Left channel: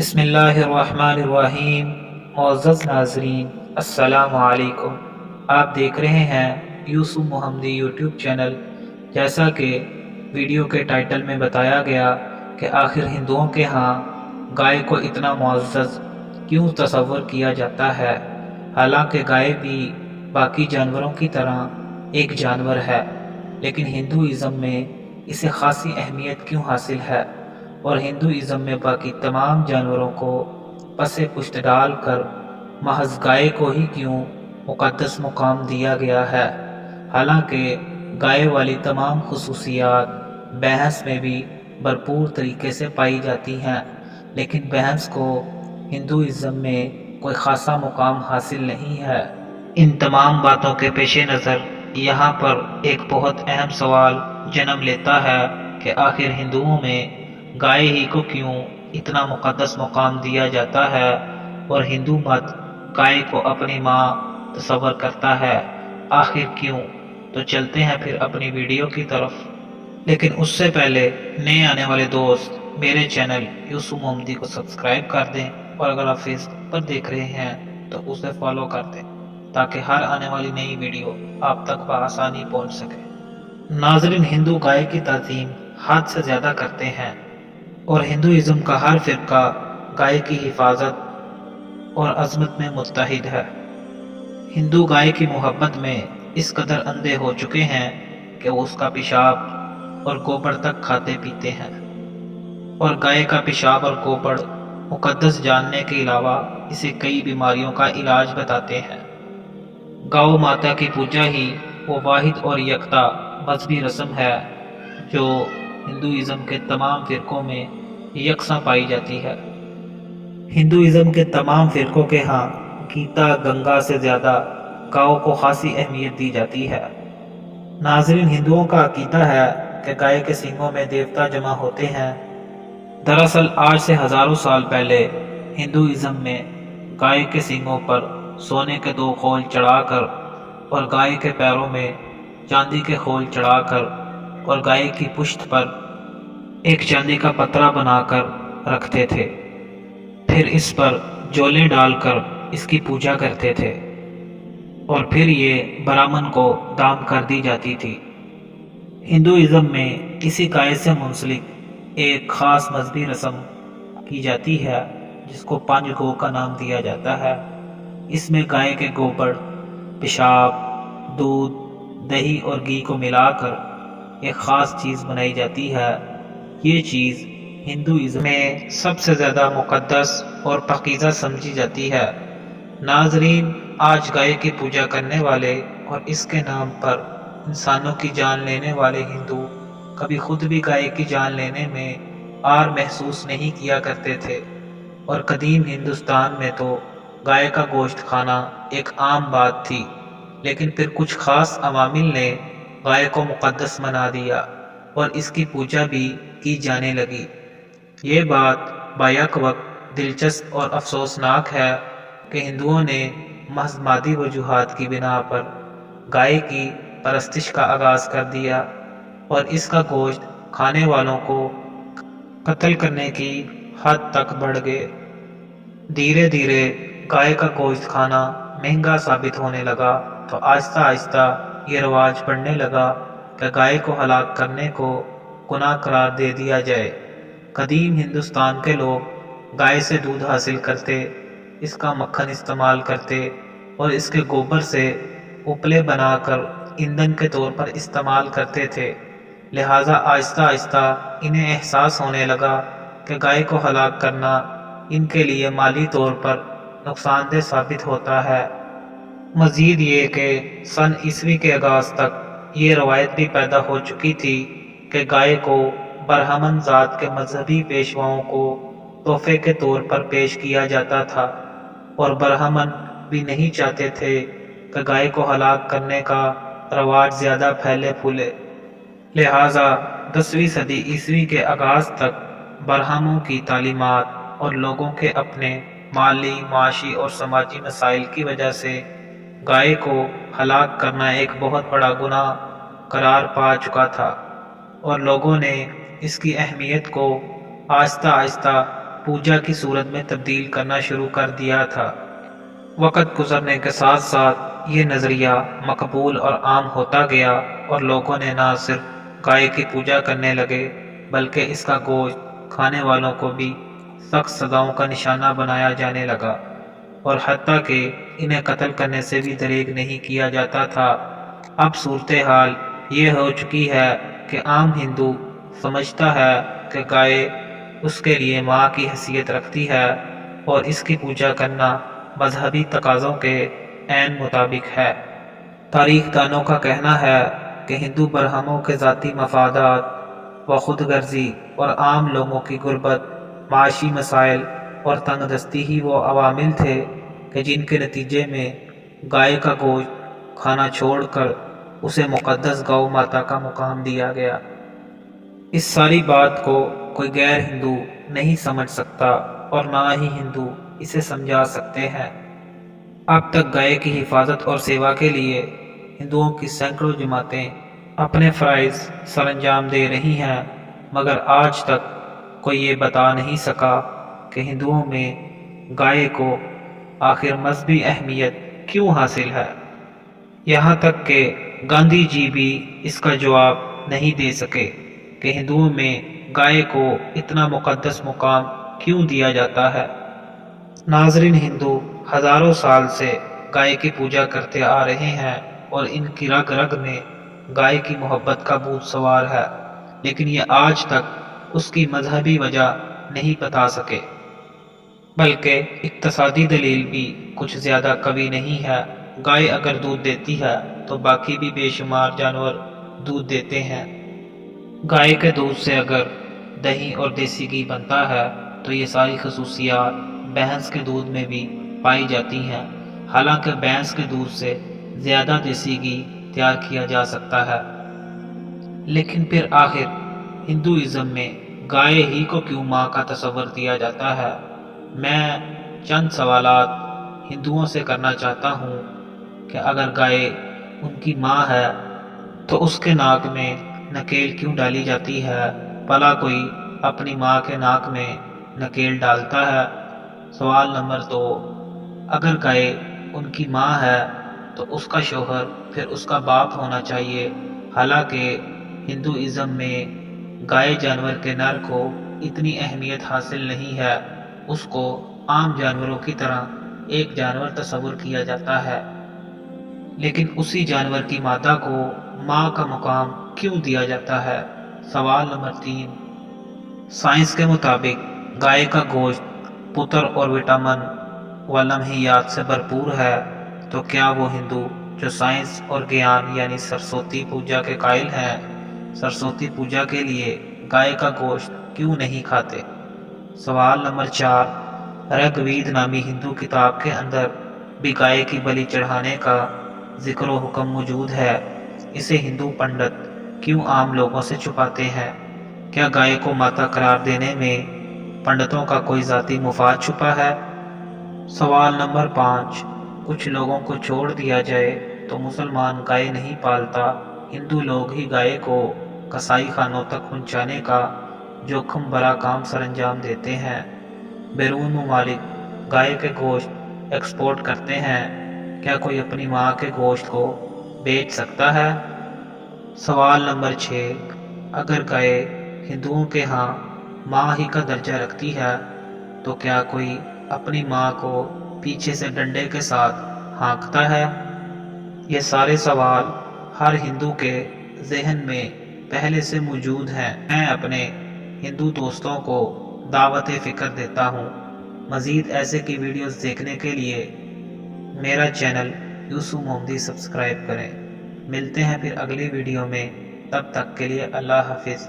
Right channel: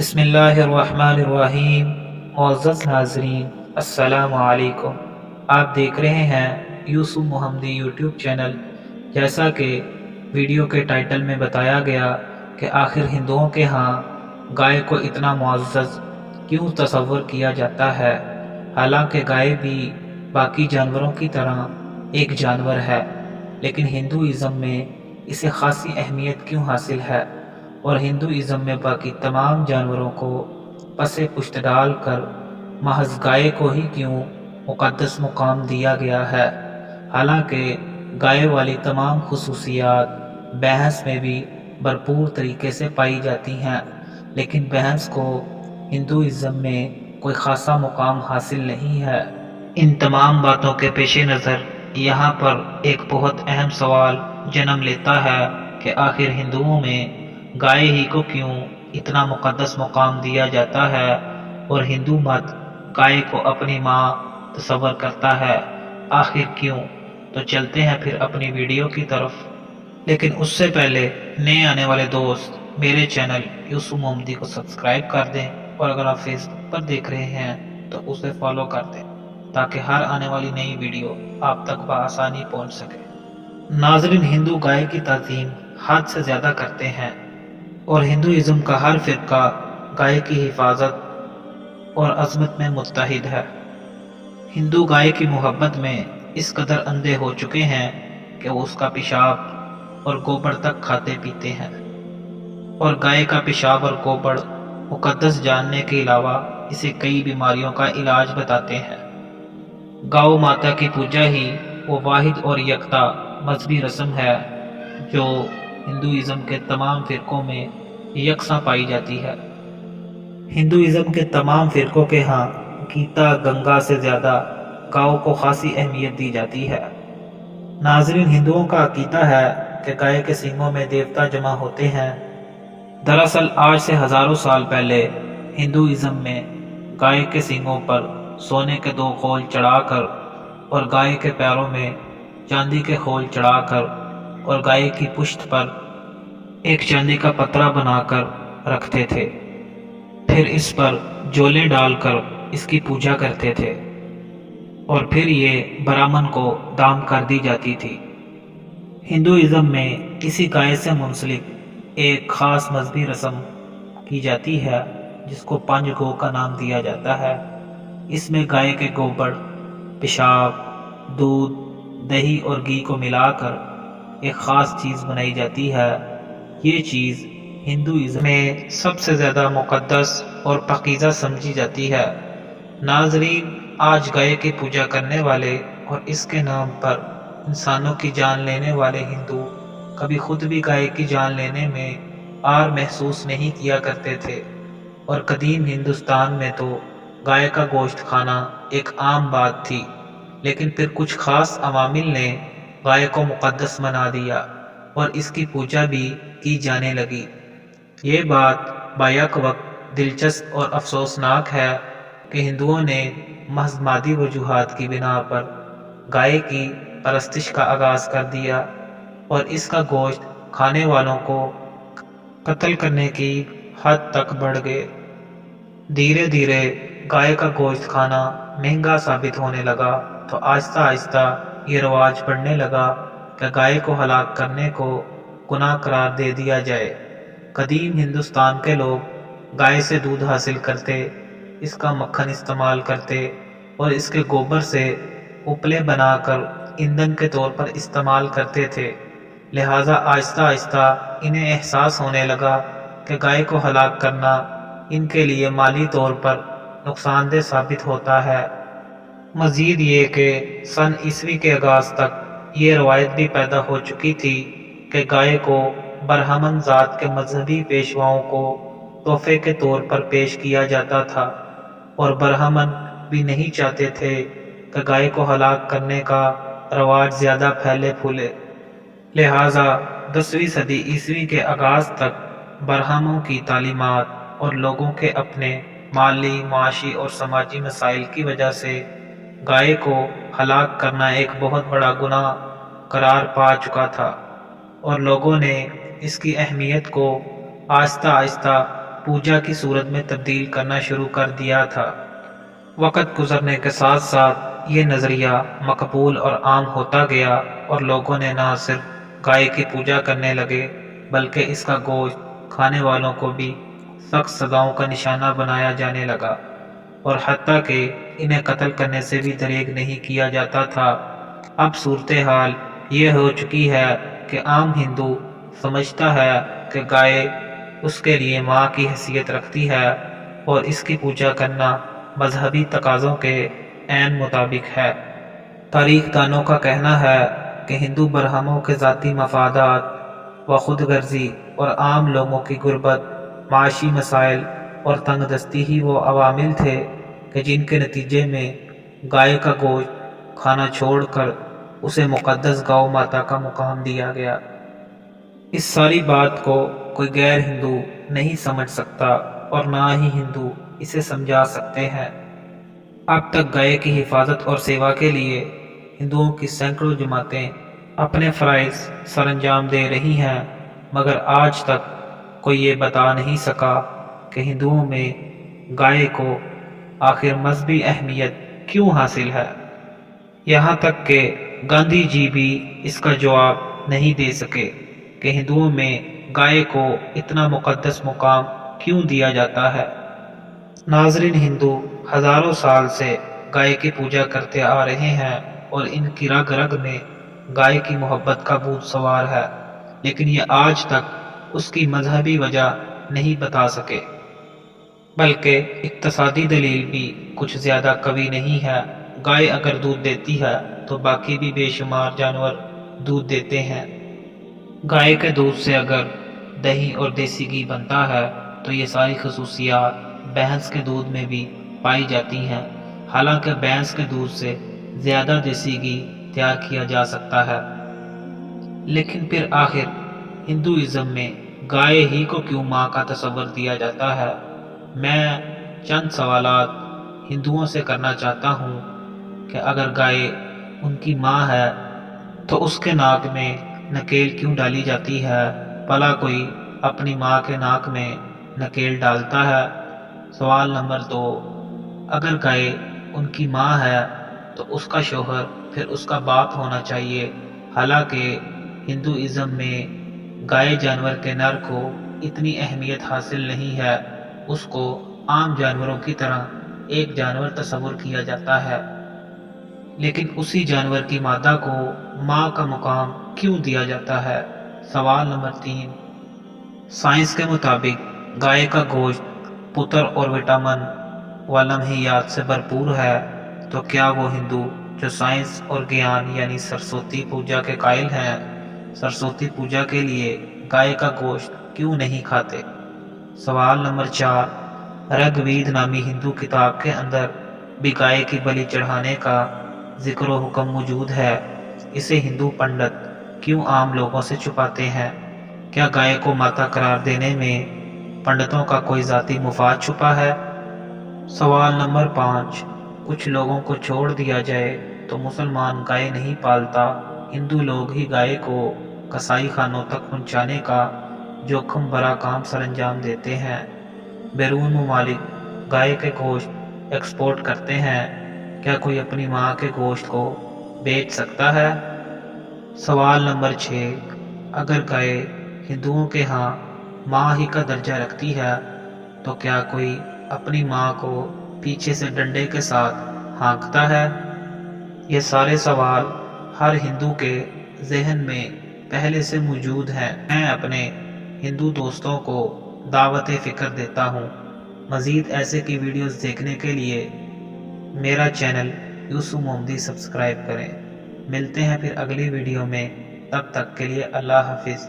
بسم اللہ الرحمن الرحیم۔ معزز ناظرین، السلام علیکم۔ آپ دیکھ رہے ہیں یوسف محمدی یوٹیوب چینل۔ جیسا کہ ویڈیو کے ٹائٹل میں بتایا گیا کہ آخر ہندوؤں کے ہاں گائے کو اتنا معزز کیوں تصور کیا جاتا ہے، حالانکہ گائے بھی باقی جانوروں کی طرح ایک جانور ہے، لیکن ہندوازم میں اسے خاصی اہمیت کیوں حاصل ہے، اور ہندوازم میں باقی تمام جانوروں کو پس پشت ڈال کر محض گائے کو ہی کیوں مقدس مقام دیا گیا ہے، حالانکہ گائے والی تمام خصوصیات بھینس میں بھی بھرپور طریقے سے پائی جاتی ہیں، لیکن بھینس کو ہندوازم میں کوئی خاصا مقام حاصل نہیں ہے۔ ان تمام باتوں کے پیش نظر یہاں پر ایک بہت اہم سوال جنم لیتا ہے کہ آخر ہندوؤں میں گائے ہی کو کیوں اتنا مقدس مقام دیا جاتا ہے، اور ہندو مت گائے کو اپنی ماں تصور کرتا ہے، آخر کیوں؟ تو چلتے ہیں پھر اپنی ویڈیو کی طرف، لیکن اس سے پہلے نئے آنے والے دوست میرے چینل یوسف محمدی کو سبسکرائب کر دیں، اور اگر آپ فیس بک پر دیکھ رہے ہیں تو اسے فالو کر دیں تاکہ ہر آنے والی نئی ویڈیو آپ تک بآسانی پہنچ سکے۔ ناظرین، ہندو گائے کی تعظیم حد سے زیادہ کرتے ہیں، اور ہندوازم کا ہر فرقہ گائے کی حفاظت اور عظمت میں متحد ہے۔ ہندو گائے کی محبت میں اس قدر اندھے ہو چکے ہیں کہ وہ اس کا پیشاب اور گوبر تک کھاتے پیتے ہیں، اور گائے کا پیشاب اور گوبر مقدس جاننے کے علاوہ اسے کئی بیماریوں کا علاج بتاتے ہیں۔ گاؤ ماتا کی پوجا ہی وہ واحد اور یکتا مذہبی رسم ہے جو ہندوازم کے تمام فرقوں میں یکساں پائی جاتی ہے۔ ہندوازم کے تمام فرقوں کے ہاں گیتا گنگا سے زیادہ گاؤ کو خاصی اہمیت دی جاتی ہے۔ ناظرین، ہندوؤں کا عقیدہ ہے کہ گائے کے سینگوں میں دیوتا جمع ہوتے ہیں۔ دراصل آج سے ہزاروں سال پہلے ہندوازم میں گائے کے سینگوں پر سونے کے 2 خول چڑھا کر، اور گائے کے پیروں میں چاندی کے خول چڑھا کر، اور گائے کی پشت پر ایک چاندی کا پترا بنا کر رکھتے تھے، پھر اس پر جولیں ڈال کر اس کی پوجا کرتے تھے، اور پھر یہ برہمن کو دام کر دی جاتی تھی۔ ہندوازم میں اسی گائے سے منسلک ایک خاص مذہبی رسم کی جاتی ہے جس کو پنج گو کا نام دیا جاتا ہے۔ اس میں گائے کے گوبر، پیشاب، دودھ، دہی اور گھی کو ملا کر ایک خاص چیز بنائی جاتی ہے۔ یہ چیز ہندوازم میں سب سے زیادہ مقدس اور پاکیزہ سمجھی جاتی ہے۔ ناظرین، آج گائے کی پوجا کرنے والے اور اس کے نام پر انسانوں کی جان لینے والے ہندو کبھی خود بھی گائے کی جان لینے میں عار محسوس نہیں کیا کرتے تھے، اور قدیم ہندوستان میں تو گائے کا گوشت کھانا ایک عام بات تھی، لیکن پھر کچھ خاص عوامل نے گائے کو مقدس بنا دیا اور اس کی پوجا بھی کی جانے لگی۔ یہ بات بیک وقت دلچسپ اور افسوسناک ہے کہ ہندوؤں نے محض مادی وجوہات کی بنا پر گائے کی پرستش کا آغاز کر دیا، اور اس کا گوشت کھانے والوں کو قتل کرنے کی حد تک بڑھ گئے۔ دھیرے دھیرے گائے کا گوشت کھانا مہنگا ثابت ہونے لگا، تو آہستہ آہستہ یہ رواج بڑھنے لگا کہ گائے کو ہلاک کرنے کو گناہ قرار دے دیا جائے۔ قدیم ہندوستان کے لوگ گائے سے دودھ حاصل کرتے، اس کا مکھن استعمال کرتے، اور اس کے گوبر سے اپلے بنا کر ایندھن کے طور پر استعمال کرتے تھے، لہٰذا آہستہ آہستہ انہیں احساس ہونے لگا کہ گائے کو ہلاک کرنا ان کے لیے مالی طور پر نقصان دہ ثابت ہوتا ہے۔ مزید یہ کہ سن عیسوی کے آغاز تک یہ روایت بھی پیدا ہو چکی تھی کہ گائے کو برہمن ذات کے مذہبی پیشواؤں کو تحفے کے طور پر پیش کیا جاتا تھا، اور برہمن بھی نہیں چاہتے تھے کہ گائے کو ہلاک کرنے کا رواج زیادہ پھیلے پھولے، لہٰذا 10ویں صدی عیسوی کے آغاز تک برہمنوں کی تعلیمات اور لوگوں کے اپنے مالی، معاشی اور سماجی مسائل کی وجہ سے گائے کو ہلاک کرنا ایک بہت بڑا گناہ قرار پا چکا تھا، اور لوگوں نے اس کی اہمیت کو آہستہ آہستہ پوجا کی صورت میں تبدیل کرنا شروع کر دیا تھا۔ وقت گزرنے کے ساتھ ساتھ یہ نظریہ مقبول اور عام ہوتا گیا اور لوگوں نے نہ صرف گائے کی پوجا کرنے لگے بلکہ اس کا گوشت کھانے والوں کو بھی سخت سزاؤں کا نشانہ بنایا جانے لگا، اور حتیٰ کہ انہیں قتل کرنے سے بھی دریغ نہیں کیا جاتا تھا۔ اب صورتحال یہ ہو چکی ہے کہ عام ہندو سمجھتا ہے کہ گائے اس کے لیے ماں کی حیثیت رکھتی ہے اور اس کی پوجا کرنا مذہبی تقاضوں کے عین مطابق ہے۔ تاریخ دانوں کا کہنا ہے کہ ہندو برہموں کے ذاتی مفادات و خود غرضی اور عام لوگوں کی غربت، معاشی مسائل اور تنگ دستی ہی وہ عوامل تھے کہ جن کے نتیجے میں گائے کا گوشت کھانا چھوڑ کر اسے مقدس گو ماتا کا مقام دیا گیا۔ اس ساری بات کو کوئی غیر ہندو نہیں سمجھ سکتا اور نہ ہی ہندو اسے سمجھا سکتے ہیں۔ اب تک گائے کی حفاظت اور سیوا کے لیے ہندوؤں کی سینکڑوں جماعتیں اپنے فرائض سر انجام دے رہی ہیں، مگر آج تک کوئی یہ بتا نہیں سکا کہ ہندوؤں میں گائے کو آخر مذہبی اہمیت کیوں حاصل ہے۔ یہاں تک کہ گاندھی جی بھی اس کا جواب نہیں دے سکے کہ ہندوؤں میں گائے کو اتنا مقدس مقام کیوں دیا جاتا ہے۔ ناظرین، ہندو ہزاروں سال سے گائے کی پوجا کرتے آ رہے ہیں اور ان کی رگ رگ میں گائے کی محبت کا بھوت سوار ہے، لیکن یہ آج تک اس کی مذہبی وجہ نہیں بتا سکے۔ بلکہ اقتصادی دلیل بھی کچھ زیادہ قوی نہیں ہے۔ گائے اگر دودھ دیتی ہے تو باقی بھی بے شمار جانور دودھ دیتے ہیں۔ گائے کے دودھ سے اگر دہی اور دیسی گھی بنتا ہے تو یہ ساری خصوصیات بھینس کے دودھ میں بھی پائی جاتی ہیں، حالانکہ بھینس کے دودھ سے زیادہ دیسی گھی تیار کیا جا سکتا ہے۔ لیکن پھر آخر ہندوازم میں گائے ہی کو کیوں ماں کا تصور دیا جاتا ہے؟ میں چند سوالات ہندوؤں سے کرنا چاہتا ہوں کہ اگر گائے ان کی ماں ہے تو اس کے ناک میں نکیل کیوں ڈالی جاتی ہے؟ بھلا کوئی اپنی ماں کے ناک میں نکیل ڈالتا ہے؟ سوال نمبر 2، اگر گائے ان کی ماں ہے تو اس کا شوہر پھر اس کا باپ ہونا چاہیے، حالانکہ ہندوازم میں گائے جانور کے نر کو اتنی اہمیت حاصل نہیں ہے، اس کو عام جانوروں کی طرح ایک جانور تصور کیا جاتا ہے، لیکن اسی جانور کی مادہ کو ماں کا مقام کیوں دیا جاتا ہے؟ سوال نمبر 3، سائنس کے مطابق گائے کا گوشت پتر اور وٹامن و لمحیات سے بھرپور ہے، تو کیا وہ ہندو جو سائنس اور گیان یعنی سرسوتی پوجا کے قائل ہیں، سرسوتی پوجا کے لیے گائے کا گوشت کیوں نہیں کھاتے؟ سوال نمبر 4، رگ وید نامی ہندو کتاب کے اندر بھی گائے کی بلی چڑھانے کا ذکر و حکم موجود ہے، اسے ہندو پنڈت کیوں عام لوگوں سے چھپاتے ہیں؟ کیا گائے کو ماتا قرار دینے میں پنڈتوں کا کوئی ذاتی مفاد چھپا ہے؟ سوال نمبر 5، کچھ لوگوں کو چھوڑ دیا جائے تو مسلمان گائے نہیں پالتا، ہندو لوگ ہی گائے کو کسائی خانوں تک پہنچانے کا جوخم بھرا کام سر انجام دیتے ہیں، بیرون ممالک گائے کے گوشت ایکسپورٹ کرتے ہیں، کیا کوئی اپنی ماں کے گوشت کو بیچ سکتا ہے؟ سوال نمبر 6، اگر گائے ہندوؤں کے ہاں ماں ہی کا درجہ رکھتی ہے تو کیا کوئی اپنی ماں کو پیچھے سے ڈنڈے کے ساتھ ہانکتا ہے؟ یہ سارے سوال ہر ہندو کے ذہن میں پہلے سے موجود ہیں۔ میں اپنے ہندو دوستوں کو دعوت فکر دیتا ہوں، مزید ایسے کی ویڈیوز دیکھنے کے لیے میرا چینل یوسف محمدی سبسکرائب کریں۔ ملتے ہیں پھر اگلی ویڈیو میں، تب تک کے لیے اللہ حافظ۔